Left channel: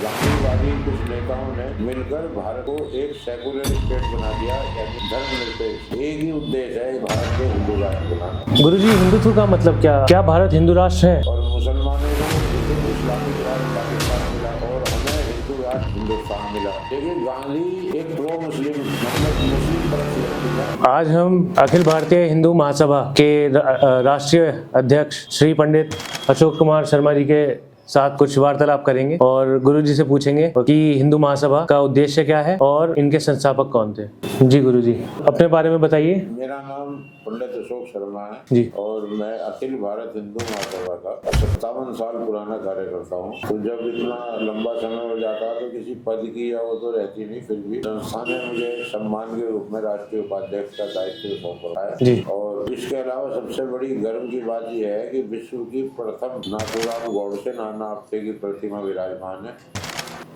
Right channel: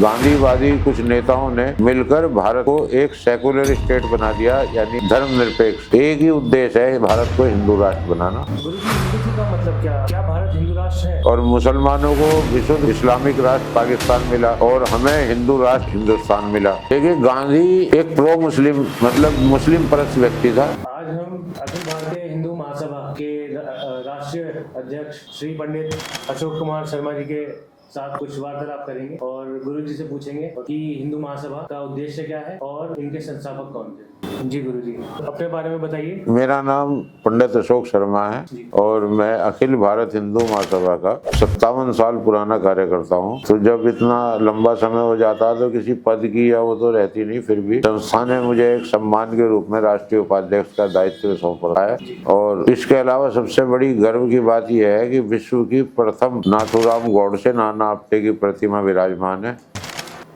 गांधीवादी कुछ नेताओं ने मिलकर भारत को एक सेकुलर स्टेट बना दिया, यानी धर्मनिरपेक्ष। एक ही उद्देश्य है भारत को हिंदू राष्ट्र बनाना। गुरुजी, हिंदुत्व का मतलब क्या? क्या भारत हिंदू राष्ट्र है? और मुसलमानों को विशुद्ध इस्लामिक राष्ट्र पाकिस्तान मिला और हमें हिंदू राष्ट्र हिंदुस्तान मिला। देखिए, गांधी एक प्रो मुस्लिम मतलब मुस्लिम परस्त व्यक्ति था। आज हम अखिल भारतीय हिंदू महासभा के राष्ट्रीय अध्यक्ष श्री पंडित अशोक कुमार शर्मा जी के साथ कुछ वार्तालाप करेंगे और गुरुजी से पूछेंगे कि हिंदू महासभा का उद्देश्य क्या है और इनके संस्थापक कौन थे। जी गुरुजी, अपने बारे में बताइए। मेरा नाम पंडित अशोक शर्मा है जी। और मैं अखिल भारत हिंदू महासभा का 57 साल पुराना कार्यकर्ता हूँ। तो जब इतना लंबा समय हो जाता तो किसी पद की या वो तो रहती नहीं, फिर भी संस्था ने मुझे एक सम्मान के रूप में राष्ट्रीय उपाध्यक्ष का दायित्व सौंपा है। और इसके अलावा सबसे बड़ी गर्व की बात यह है कि विश्व की प्रथम नाथूराम गौडसे नाना आपटे की प्रतिमा विराजमान है,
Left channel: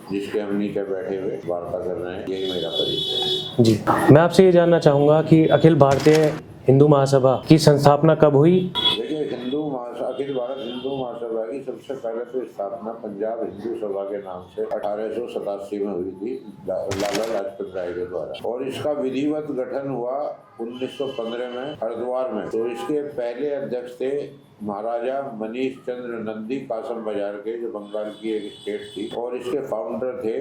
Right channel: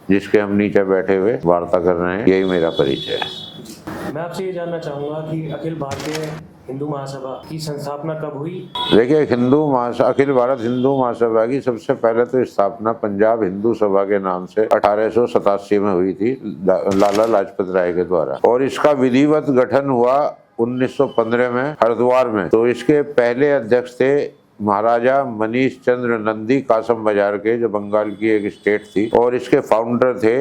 जिसके हम नीचे बैठे हुए वार्ता कर रहे हैं। यही मेरा परिचय है। जी, मैं आपसे ये जानना चाहूंगा कि अखिल भारतीय हिंदू महासभा की स्थापना कब हुई? देखिए, अखिल भारत हिंदू महासभा की सबसे पहले तो स्थापना पंजाब हिंदू सभा के नाम से 1887 में हुई थी, लाला लाजपत राय के द्वारा। और इसका विधिवत गठन हुआ 1915 में हरिद्वार में। तो इसके पहले अध्यक्ष थे महाराजा मनीष चंद्र नंदी कासम बाजार के, जो बंगाल की एक स्टेट थी। और इसके फाउंडर थे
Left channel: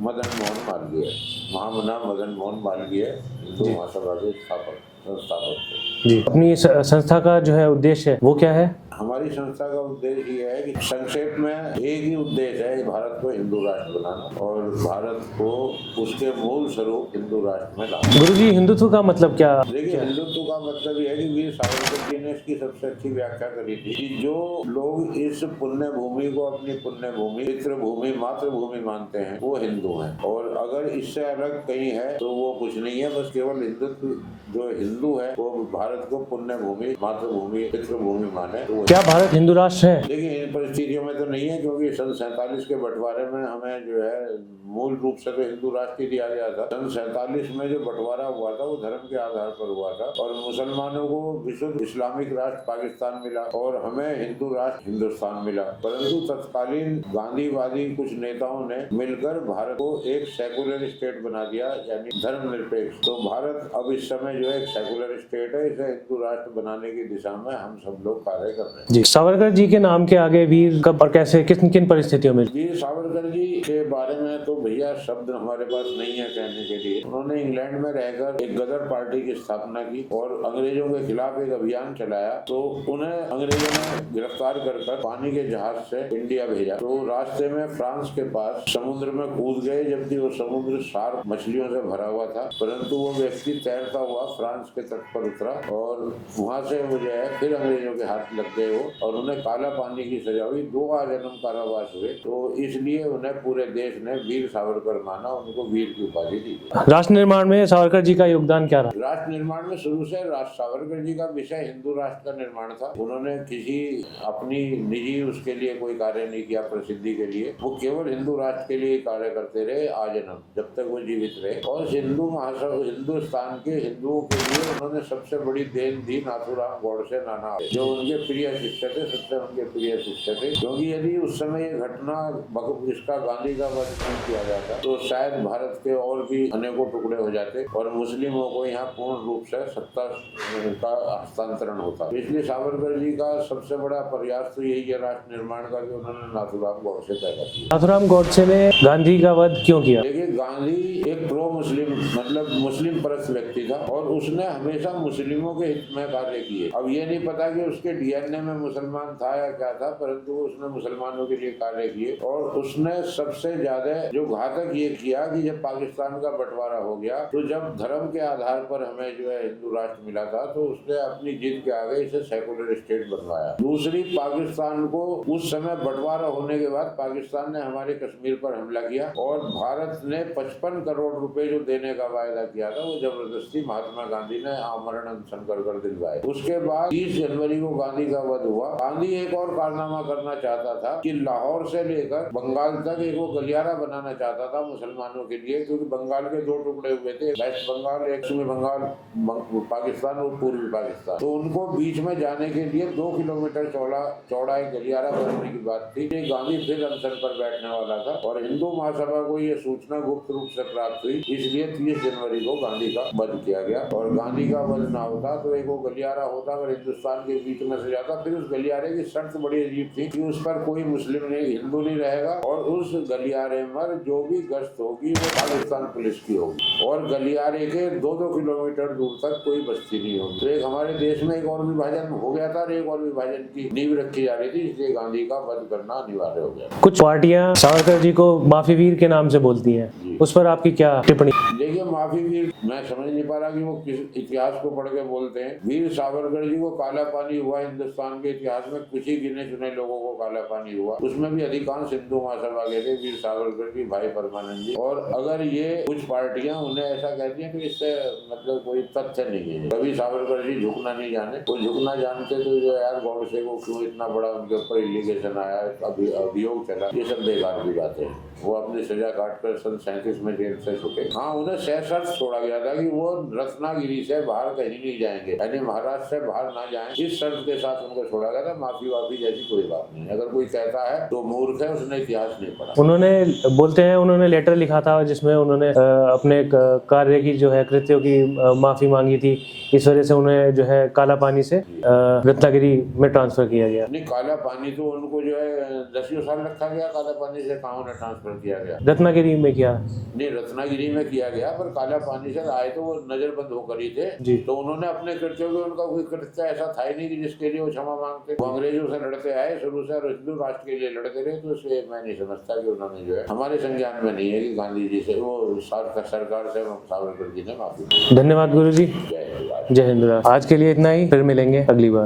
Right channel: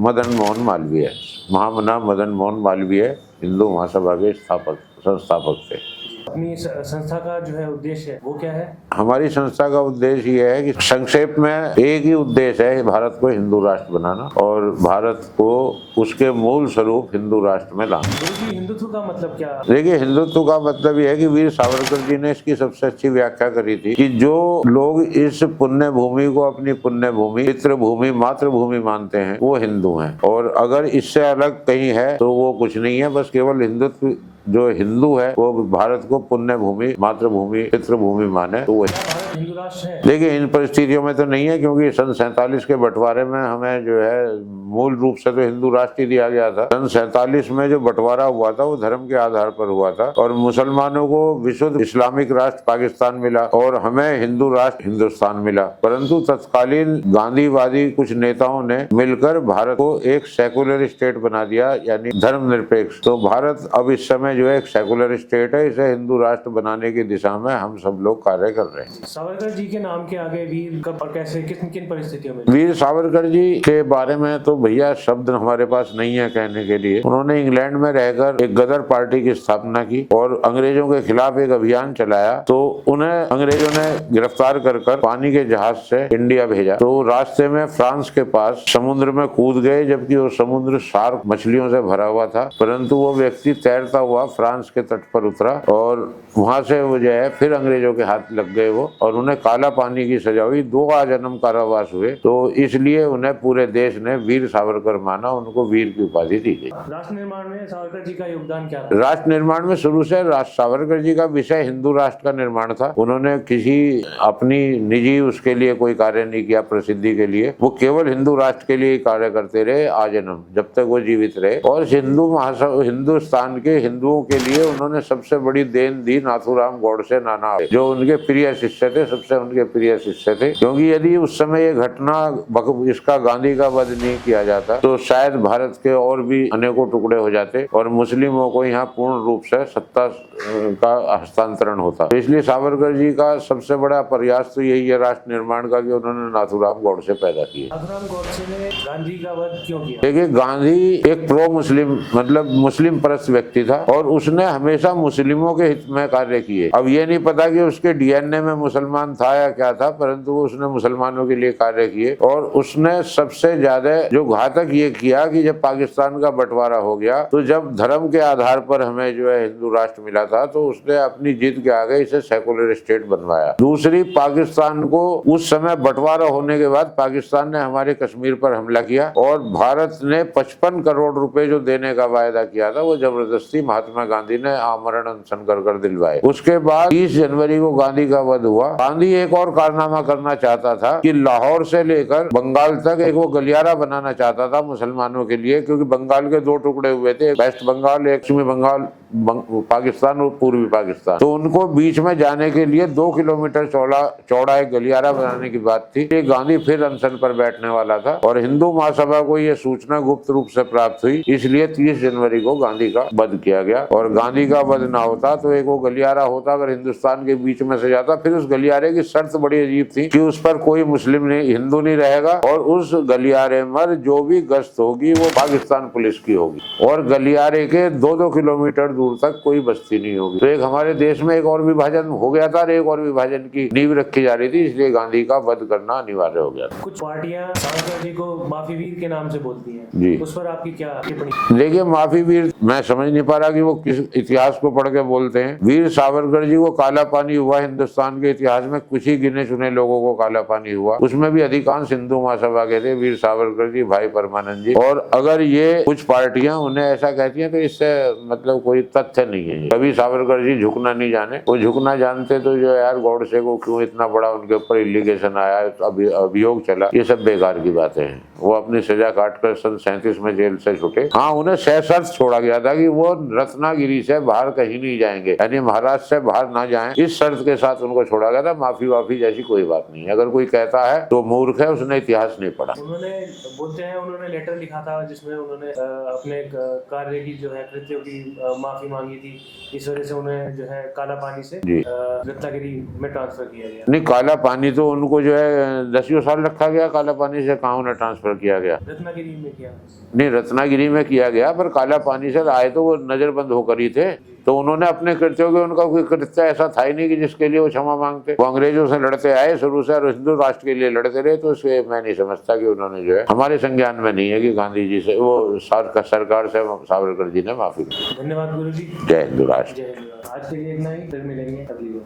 मदन मोहन मालवीय, महामना मदन मोहन मालवीय हिंदू महासभा के संस्थापक थे। जी। अपनी संस्था का जो है उद्देश्य है वो क्या है? हमारी संस्था का उद्देश्य ये है कि संक्षेप में एक ही उद्देश्य है भारत को हिंदू राष्ट्र बनाना और भारत को उसके मूल स्वरूप हिंदू राष्ट्र में लाना। गुरुजी, हिंदुत्व का मतलब क्या? देखिए, हिंदुत्व का मतलब ये है कि वीर सावरकर जी ने इसकी सबसे अच्छी व्याख्या करी थी कि जो लोग इस पुण्य भूमि को अपनी पुण्य भूमि, पितृभूमि, मातृभूमि मानते हैं वो हिंदू हैं। और अगर इससे अलग कहीं है तो वो कुछ नहीं है। बस केवल हिंदुत्व, जो हिंदू है वो भारत को पुण्य भूमि, मातृभूमि, पितृभूमि माने। तो क्या भारत हिंदू राष्ट्र है? देखिए, इन परिस्थितियों में तो नहीं है, क्योंकि सन 47 के बंटवारे में हमें जो है मूल रूप से तो हिंदू राष्ट्र ही दिया गया था। सन 47 में जो बंटवारा हुआ था वो धर्म के आधार पर हुआ था और मुसलमानों को विशुद्ध इस्लामिक राष्ट्र पाकिस्तान मिला और हमें हिंदू राष्ट्र हिंदुस्तान मिला। परंतु तत्कालीन गांधीवादी कुछ नेताओं ने मिलकर भारत को एक सेकुलर स्टेट बना दिया, यानी धर्मनिरपेक्ष। तो भारत अब इस समय जो है एक सेकुलर स्टेट है। इसे हिंदू राष्ट्र बनाने की दिशा में हम सब लोग कार्य कर रहे हैं। जी। सावरकर जी के नाम के आगे वीर कब और कैसे, किन किन परिस्थितियों में? वीर सावरकर जी के बारे में तो भैया शब्द हमारे पास नहीं है कहने के लिए। उन्होंने इंग्लैंड में रहकर एक गदर पार्टी की स्थापना की और अंग्रेजों के खिलाफ एक अभियान चलाया। तो उन्हें अंग्रेजों ने गिरफ्तार कर पानी के जहाज से इंडिया भेजा। तो रास्ते में फ्रांस के पास समुद्र में कूद गए, जबकि वो समुद्र शार्क मछलियों से भरा हुआ था। परंतु वो व्यक्ति तैरता हुआ फ्रांस के तट पर उतरा और वहां से वो जो है फिर अंग्रेजों के हाथ लग गए वो, और उन्हें काला पानी की सजा हुई, 2 आजन्म कारावास हुए। तो इसलिए उन्हें पूरे देश ने वीर सावरकर माना, उनको वीर की उपाधि दी गई। राष्ट्र निर्माण में सावरकर जी का योगदान क्या रहा? राष्ट्र निर्माण में शुरू से सावरकर जी का विषय हिंदू राष्ट्र का निर्माण था। उन्होंने किसी अपनी निजी उसके लिए कोई कार्य नहीं किया प्रसिद्धि के लिए। वो केवल हिंदू राष्ट्र के लिए कार्य करते रहे आजन्म, जब तक वो जीवित रहे। और हिंदुस्तान के हिंदुओं के लिए उन्होंने सबसे बड़ी देन दी नाथूराम गौडसे नाना, जो उनके प्रिय शिष्य थे, सबसे उनके प्रिय शिष्य थे। क्योंकि यदि उस समय ये घटना इसका गांधी का वध नहीं किया जाता तो शायद भारत के और भी अनेकों टुकड़े हो जाते और मुस्लिमों को यहाँ पूर्ण रूप से सत्ता का हस्तांतरण होता। तो इसलिए सावरकर जी का सबसे बड़ा प्रयास तो यही है राष्ट्र निर्माण का कि उन्होंने नाथूराम गौडसे पैदा किया। नाथूराम गौडसे ने गांधी का वध क्यों किया? देखिए, गांधी एक प्रो मुस्लिम मतलब मुस्लिम परस्त व्यक्ति था और उसने हमेशा मुस्लिमों के हित में कार्य किए। अब ये नहीं पता कि उसके डीएनए में मुसलमान था या क्या था, परंतु उसने मुसलमानों के लिए कार्य किए। और उसने सबसे ज्यादा जो घातक ये किया कि जब पाकिस्तान का बंटवारा हो गया तो जब धर्म के आधार पर हमें जो है हिंदू राष्ट्र मिला था तो उसने अपनी जिद के आगे इसे सेकुलर स्टेट बनवाया। दूसरी, पाकिस्तान को उस समय बंटवारा होने के बाद पाकिस्तान ने हमारे कश्मीर पर हमला किया और भारत ने 55 करोड़ रुपए जो देने का वायदा किया था वो जबरदस्ती महात्मा गांधी गांधी ने आमरण अनशन कर दिलवाए। उसके बाद 30 जनवरी को गांधी का वध हुआ। गांधी एक और कारनामा करना चाहता था कि लाहौर से लेकर बंगाल तक एक वो गलियारा बनाना चाहता था मुसलमानों के लिए, क्योंकि बंगाल के 2 टुकड़े हुए थे, वेस्ट बंगाल, एक पश्चिमी बंगाल, पाकिस्तान और पूर्वी पाकिस्तान। तो उनको बीच में जाने के लिए 2 किलोमीटर चौड़ा एक गलियारा बनाने की बात थी। ये गांधी फिर अनशन पर बैठने वाला था और हिंदू महासभा को ये सूचना गुप्त रूप से प्राप्त हुई, इसलिए 30 जनवरी को गांधी का वध किया गया। और गांधी का वध ना होता तो एक वो गलियारा होता, अगर हिंदुस्तान के बीच में से जाता। फिर उस गलियारे की शर्त बड़ी अजीब थी कि उस पर कोई मुस्लिम नहीं, हिंदू नहीं रहेगा, और उस गलियारे में जो भी गश्त होगी वो पाकिस्तान पुलिस की होगी, और गलियारे के 2-2 किलोमीटर दूर तक कोई बस्ती नहीं होगी। तो एक हमारे देश में एक और विभाजन हो गया था और एक और विभाजन की नींव रखी जा रही थी, इसलिए गांधी का वध करना अनिवार्य हो गया। कुछ पार्टियां सावरकर जी को माफी वीर के नाम से बोलती हैं जी। उस पर आपकी क्या टिप्पणी? देखिए, माफी वीर मैं समझ नहीं पा रहा कि वो किस इतिहास को पढ़ के बोलते हैं। वीर सावरकर जी को काला पानी हुआ हिंदुस्तान के इतिहास में, कुछ ही गिने चुने लोगों को काला पानी हुआ, उसमें भी अधिकांश हिंदू महासभा के थे, वीर सावरकर जी, भाई परमानंद जी। और अगर ये कुछ पार्टियां उन्हें ऐसा कहती हैं तो इससे मतलब कोई तथ्य नहीं है। कभी सावरकर जी झुकना नहीं जाने, वो झुकना जानते तो जो यार गॉडसे को क्यों इतना बड़ा उनके ऊपर इलीगेशन आया, अभियोग चला, ये सब बेकार की बातें हैं। वो अपनी सजा काटकर सन 37 में जेल से छूटे। हाँ, उन्हें सशर्त छोड़ा गया था कि वो रत्नागिरी से बाहर कहीं नहीं जाएंगे, यानी महाराष्ट्र से बाहर ना जाएं, इस शर्त के साथ उनको छोड़ा गया था। माफी वाफी जैसी कोई बात नहीं है। अगर कोई कहता है तो मूर्ख है, उसने इतिहास नहीं पढ़ा। उन्होंने बोलते हैं उन्होंने लेटर लिखा था जिसमें उन्होंने अपने कार्य की जो है कृत्यों की माफी मांगी थी, इस वजह से उन्हें जो है काला पानी से रत्नागिरी में ट्रांसफर किया गया। नहीं, काला पानी तो उनको जो है 10 साल रखा गया, काला पानी से कहाँ उन्हें ट्रांसफर किया गया? रत्नागिरी में किया? नहीं, रत्नागिरी में किया गया, पर काला पानी से आए तो वो नजरबंद होकर ही थे। तो उन्होंने अपने कृत्यों के, उनका कोई कृत्य ऐसा था ही नहीं कि जिसके लिए वो क्षमा मांगते। वो अंग्रेजों से लड़ते आए शुरू से और हिंदू राष्ट्र के लिए लड़ते रहे, तो इसलिए मैं नहीं समझता कि उन्होंने जो है, हमारे संज्ञान में नहीं है कि गांधी जी से, वो सरकार से सावरकर जी ने माफी। धन्यवाद गुरु जी। जय हिंदू राष्ट्र। जय हिंद राष्ट्र। आज के लिए इतना ही, फिर मिलेंगे अगली बार।